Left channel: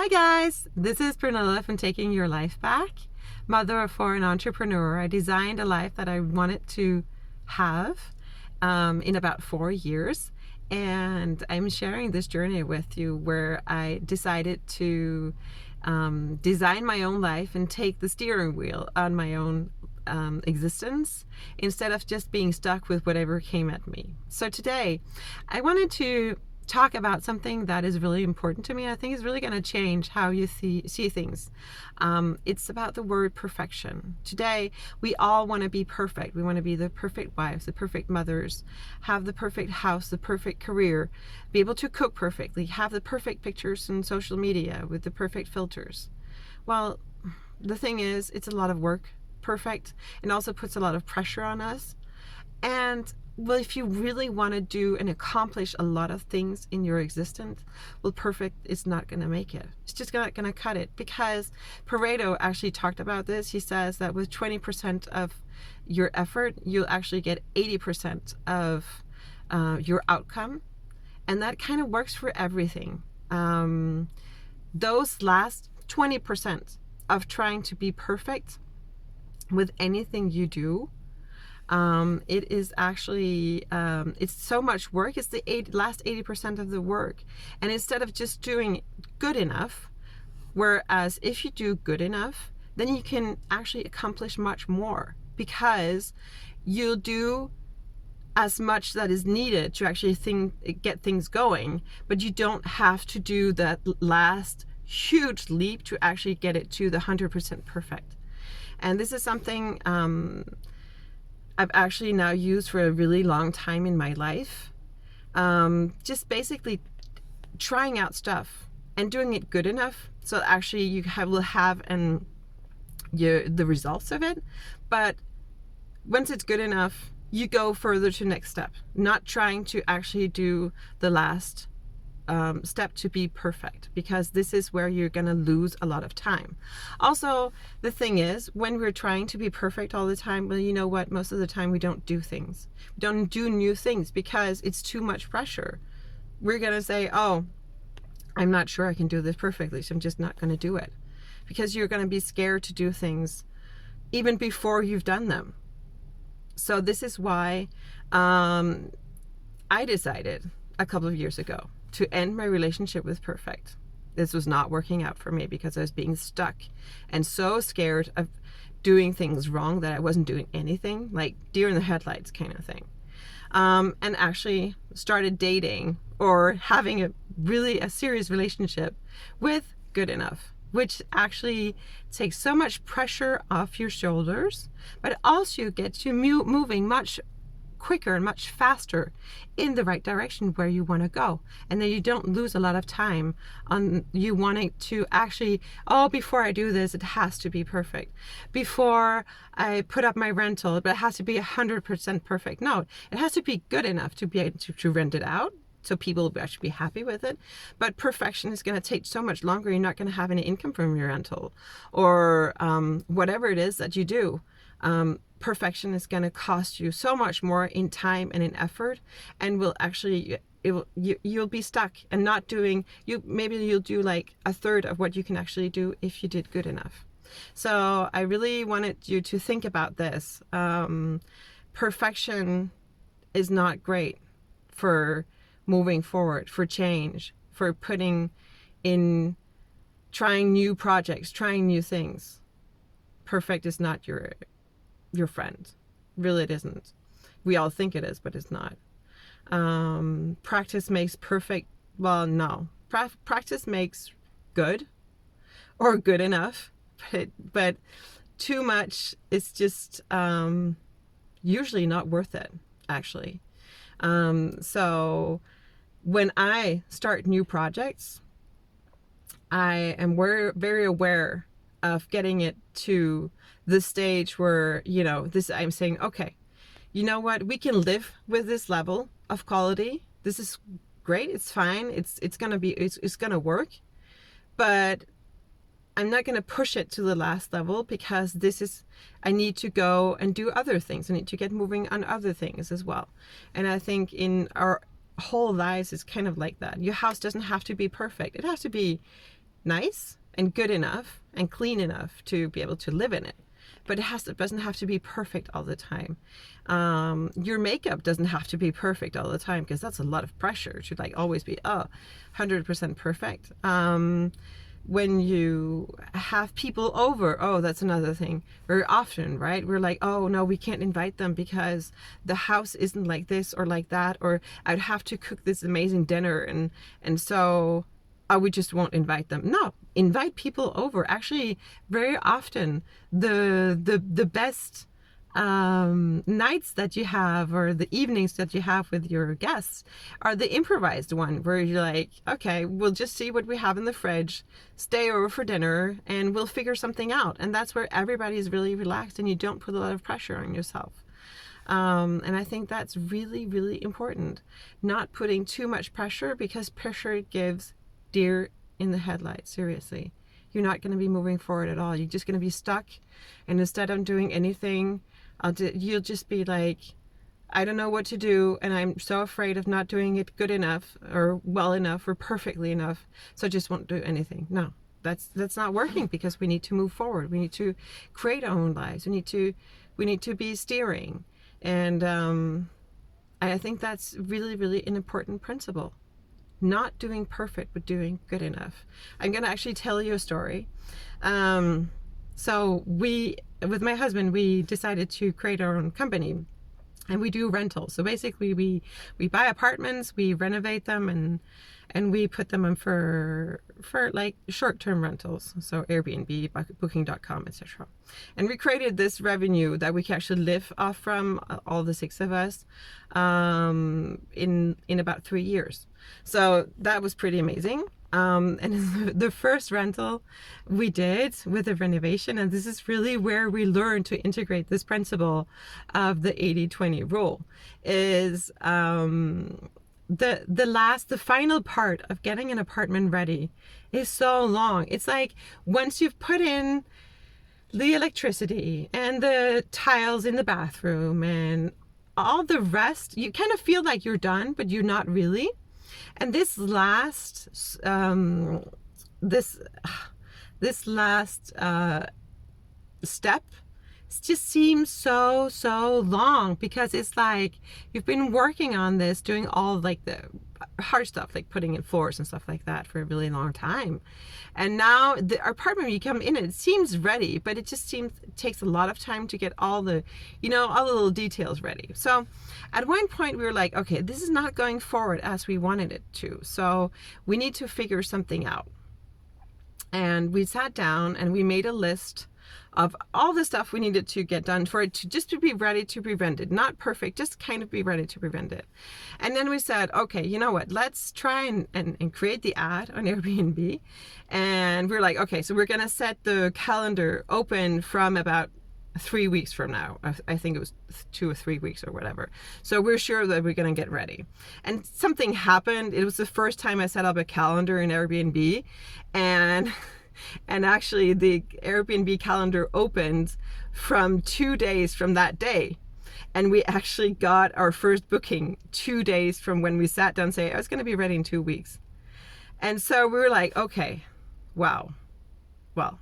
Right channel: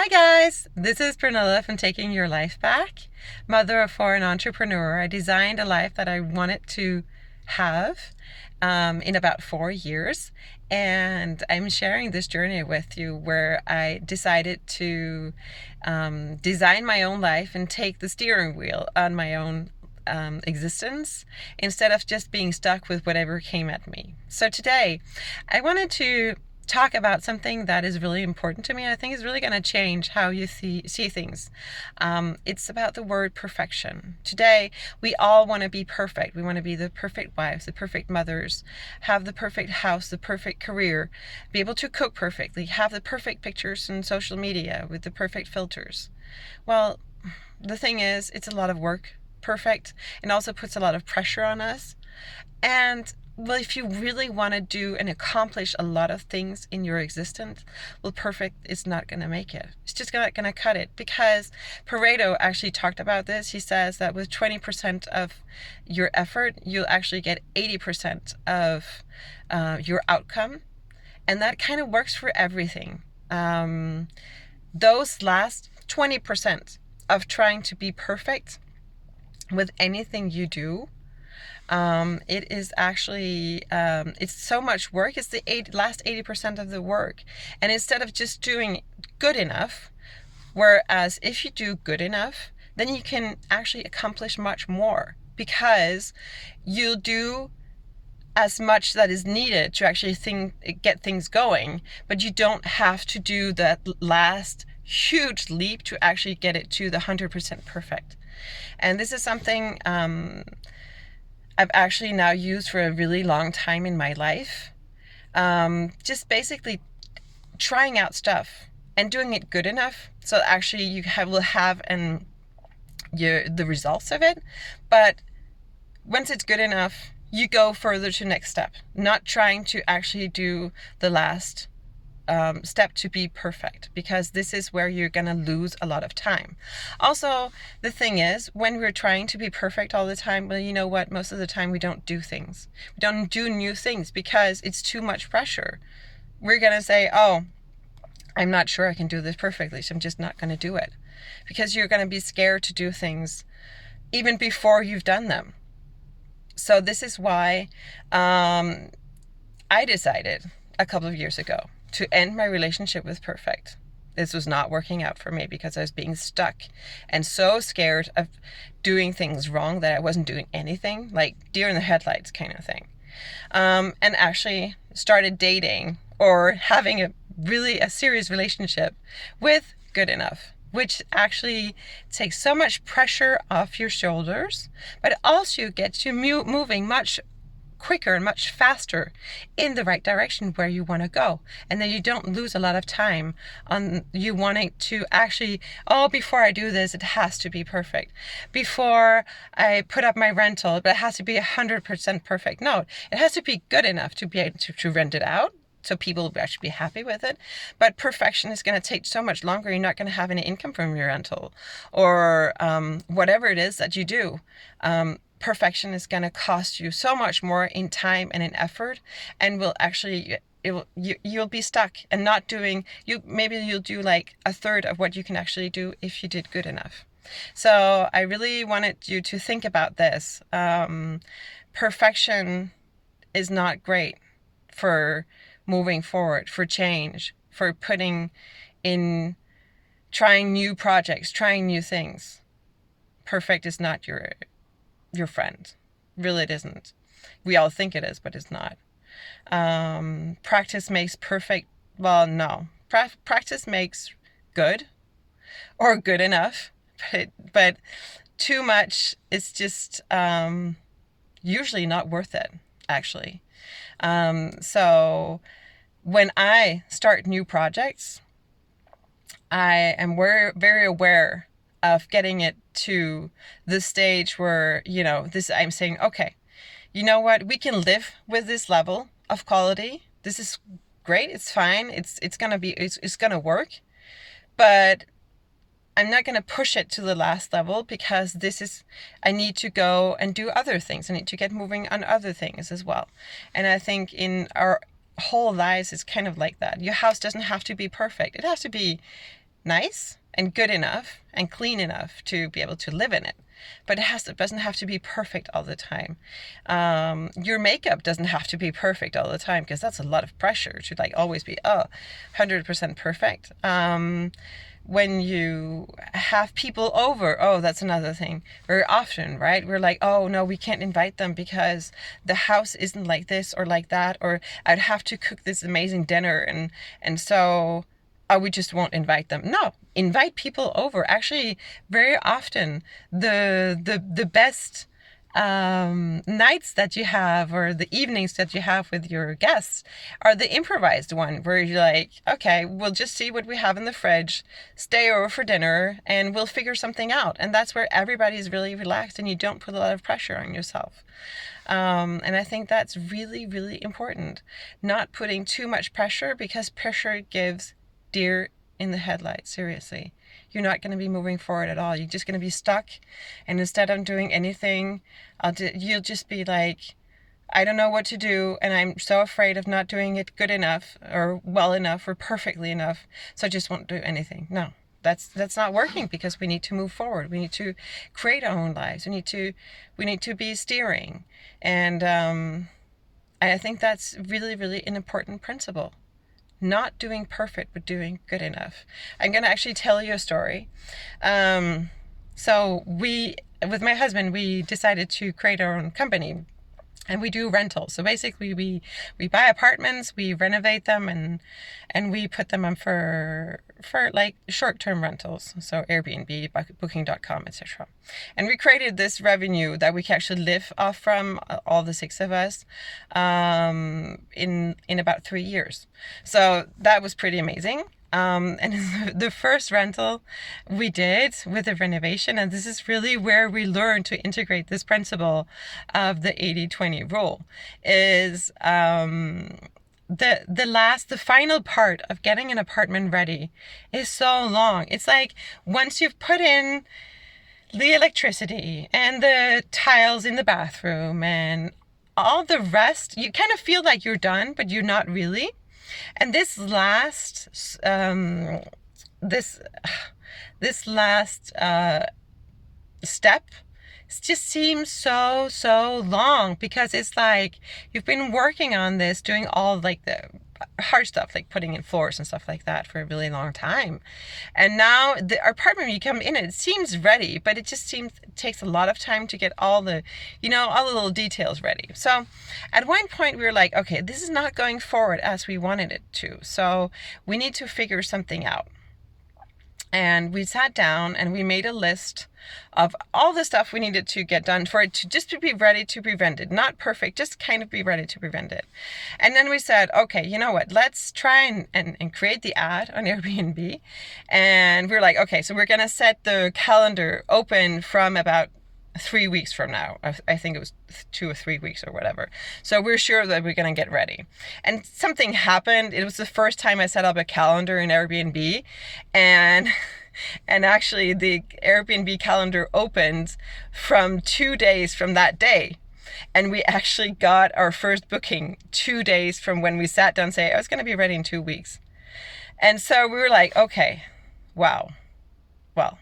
Hi guys, this is Pernilla from Taking Your Life Back, mother of four and entrepreneur. I designed a life that I wanted to have in about 4 years, and I'm sharing this journey with you where I decided to design my own life and take the steering wheel on my own existence instead of just being stuck with whatever came at me. So today I wanted to talk about something that is really important to me. I think is really going to change how you see things. It's about the word perfection. Today, we all want to be perfect. We want to be the perfect wives, the perfect mothers, have the perfect house, the perfect career, be able to cook perfectly, have the perfect pictures on social media with the perfect filters. Well, the thing is, it's a lot of work, perfect, and also puts a lot of pressure on us. And well, if you really want to do and accomplish a lot of things in your existence, well, perfect is not going to make it. It's just not going to cut it, because Pareto actually talked about this. He says that with 20% of your effort, you'll actually get 80% of your outcome. And that kind of works for everything. Those last 20% of trying to be perfect with anything you do, it is actually, it's so much work. It's the last 80% of the work. And instead of just doing good enough, whereas if you do good enough, then you can actually accomplish much more, because you'll do as much that is needed to actually get things going, but you don't have to do that last huge leap to actually get it to the 100% perfect. And this is something I've actually now used for a really long time in my life. Just basically trying out stuff and doing it good enough so actually you will have the results of it. But once it's good enough, you go further to next step, not trying to actually do the last step to be perfect, because this is where you're going to lose a lot of time. Also, the thing is, when we're trying to be perfect all the time, well, you know what? Most of the time we don't do things. We don't do new things because it's too much pressure. We're going to say, oh, I'm not sure I can do this perfectly, so I'm just not going to do it, because you're going to be scared to do things even before you've done them. So this is why I decided a couple of years ago to end my relationship with perfect. This was not working out for me because I was being stuck and so scared of doing things wrong that I wasn't doing anything, like deer in the headlights kind of thing. And actually started dating or having a serious relationship with good enough, which actually takes so much pressure off your shoulders, but also gets you moving much quicker and much faster in the right direction where you want to go. And then you don't lose a lot of time on you wanting to actually, oh, before I do this, it has to be perfect. Before I put up my rental, but it has to be 100% perfect. No, it has to be good enough to be able to rent it out, so people will actually be happy with it. But perfection is going to take so much longer. You're not going to have any income from your rental or whatever it is that you do. Perfection is going to cost you so much more in time and in effort, and will actually you'll be stuck and not doing maybe you'll do like a third of what you can actually do if you did good enough. So I really wanted you to think about this. Perfection is not great for moving forward, for change, for putting in, trying new projects, trying new things. Perfect is not your friend. Really, it isn't. We all think it is, but it's not. Practice makes perfect. Well, no. Practice makes good or good enough, but too much is just usually not worth it, actually. So when I start new projects, I am very aware of getting it to the stage where, I'm saying, okay, you know what? We can live with this level of quality. This is great. It's fine. It's going to work, but I'm not going to push it to the last level, because I need to go and do other things. I need to get moving on other things as well. And I think in our whole lives, it's kind of like that. Your house doesn't have to be perfect. It has to be nice and good enough and clean enough to be able to live in it. But it doesn't have to be perfect all the time. Your makeup doesn't have to be perfect all the time, because that's a lot of pressure to like always be 100% perfect. When you have people over, that's another thing. Very often, right? We're like, oh no, we can't invite them because the house isn't like this or like that, or I'd have to cook this amazing dinner, and so we just won't invite them. No, invite people over. Actually, very often the best nights that you have, or the evenings that you have with your guests, are the improvised one, where you're like, okay, we'll just see what we have in the fridge, stay over for dinner, and we'll figure something out. And that's where everybody's really relaxed and you don't put a lot of pressure on yourself. And I think that's really, really important. Not putting too much pressure, because pressure gives deer in the headlights. Seriously, you're not going to be moving forward at all. You're just going to be stuck, and instead of doing anything, you'll just be like, I don't know what to do, and I'm so afraid of not doing it good enough or well enough or perfectly enough, so I just won't do anything. No, that's not working, because we need to move forward. We need to create our own lives. We need to be steering, and I think that's really, really an important principle. Not doing perfect, but doing good enough. I'm going to actually tell you a story. So with my husband, we decided to create our own company, and we do rentals. So basically we buy apartments, we renovate them, and we put them on for like short-term rentals. So Airbnb, Booking.com, etc. And we created this revenue that we can actually live off from, all the 6 of us, in about 3 years. So that was pretty amazing. And the first rental we did with the renovation, and this is really where we learned to integrate this principle of the 80-20 rule, is the final part of getting an apartment ready is so long. It's like, once you've put in the electricity and the tiles in the bathroom and all the rest, you kind of feel like you're done, but you're not really. And this last step just seems so long, because it's like you've been working on this, doing all like the hard stuff, like putting in floors and stuff like that, for a really long time. And now the apartment, you come in, it seems ready, but it takes a lot of time to get all the little details ready. So at one point we were like, okay, this is not going forward as we wanted it to, so we need to figure something out. And we sat down and we made a list of all the stuff we needed to get done for it to just to be ready to prevent it. Not perfect, just kind of be ready to prevent it. And then we said, okay, you know what? Let's try and create the ad on Airbnb. And we're like, okay, so we're going to set the calendar open from about 3 weeks from now. I think it was 2 or 3 weeks or whatever. So we're sure that we're going to get ready. And something happened. It was the first time I set up a calendar in Airbnb, and actually the Airbnb calendar opened from 2 days from that day. And we actually got our first booking 2 days from when we sat down and say, I was going to be ready in 2 weeks. And so we were like, okay, wow, well,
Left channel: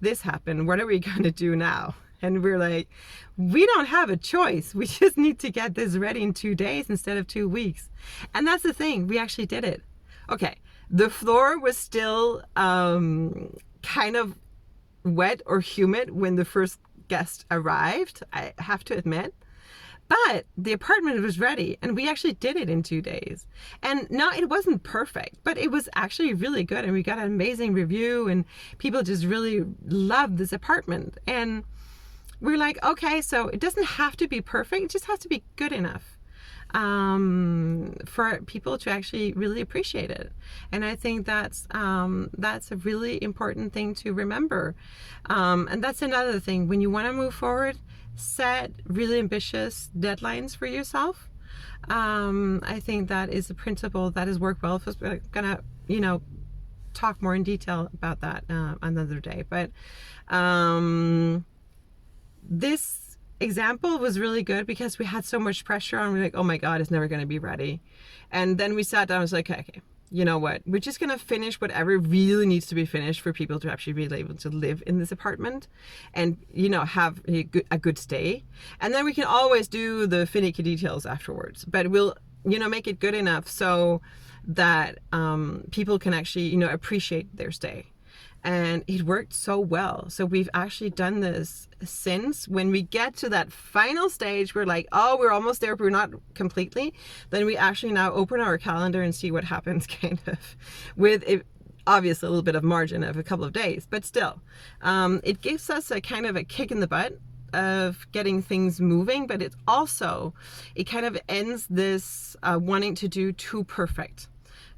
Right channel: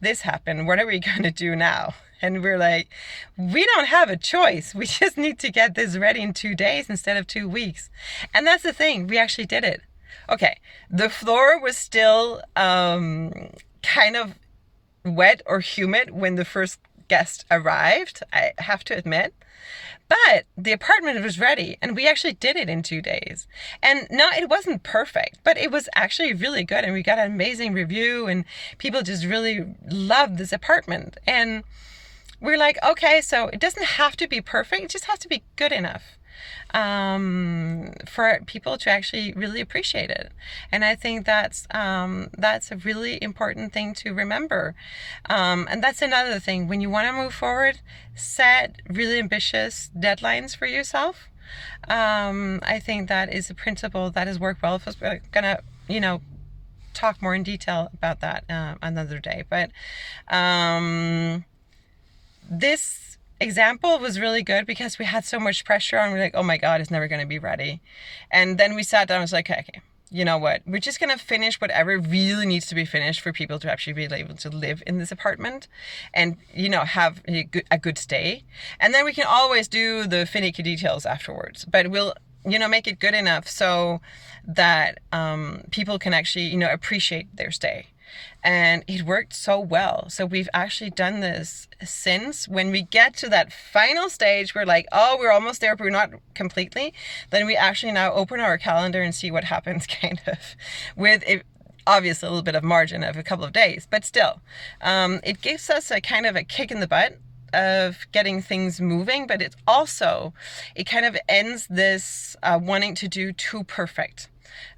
this happened. What are we going to do now? And we're like, we don't have a choice. We just need to get this ready in 2 days instead of 2 weeks. And that's the thing. We actually did it. Okay. The floor was still kind of wet or humid when the first guest arrived, I have to admit. But the apartment was ready, and we actually did it in 2 days. And no, it wasn't perfect, but it was actually really good. And we got an amazing review, and people just really loved this apartment. And we're like, okay, so it doesn't have to be perfect. It just has to be good enough for people to actually really appreciate it. And I think that's a really important thing to remember. And that's another thing. When you want to move forward, set really ambitious deadlines for yourself. I think that is a principle that has worked well. We're gonna, talk more in detail about that another day. But this example was really good because we had so much pressure and we're like, oh my God, it's never going to be ready. And then we sat down and was like, okay, you know what, we're just gonna finish whatever really needs to be finished for people to actually be able to live in this apartment and, you know, have a good stay. And then we can always do the finicky details afterwards, but we'll, you know, make it good enough so that people can actually, you know, appreciate their stay. And it worked so well. So we've actually done this since. When we get to that final stage, we're like, oh, we're almost there, but we're not completely. Then we actually now open our calendar and see what happens, kind of, with obviously a little bit of margin of a couple of days, but still, it gives us a kind of a kick in the butt of getting things moving, but it's also, it kind of ends this wanting to do too perfect.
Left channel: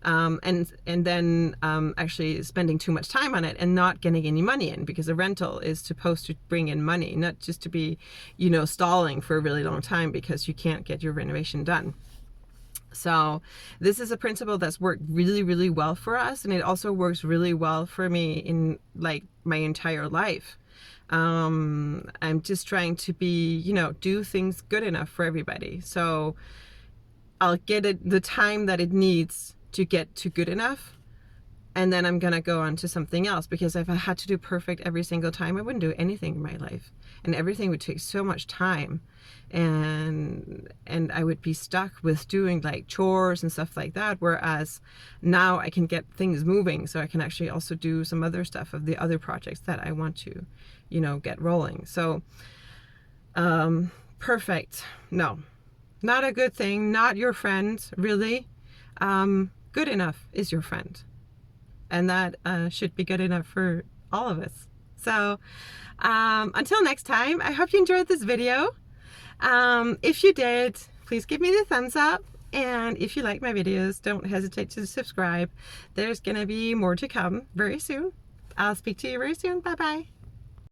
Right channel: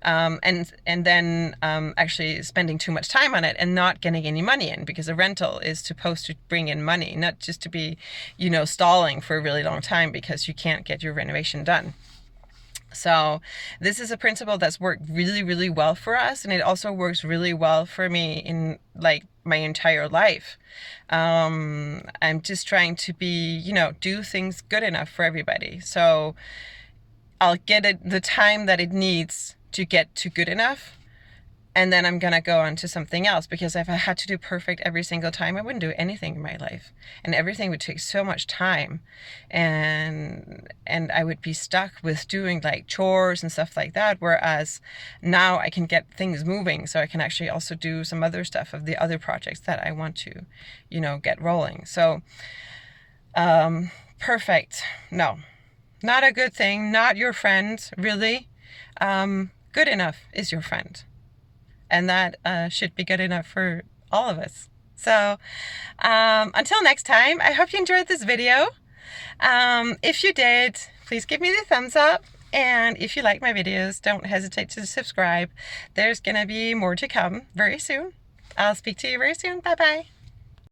And then actually spending too much time on it and not getting any money in, because a rental is supposed to bring in money, not just to be, you know, stalling for a really long time because you can't get your renovation done. So this is a principle that's worked really, really well for us, and it also works really well for me in like my entire life. I'm just trying to be, you know, do things good enough for everybody. So I'll get it the time that it needs to get to good enough, and then I'm gonna go on to something else, because if I had to do perfect every single time, I wouldn't do anything in my life, and everything would take so much time, and I would be stuck with doing like chores and stuff like that, whereas now I can get things moving, so I can actually also do some other stuff of the other projects that I want to, you know, get rolling. So perfect, no, not a good thing, not your friend, really. Good enough is your friend, and that should be good enough for all of us. So until next time, I hope you enjoyed this video. If you did, please give me the thumbs up, and if you like my videos, don't hesitate to subscribe. There's gonna be more to come very soon. I'll speak to you very soon. Bye bye.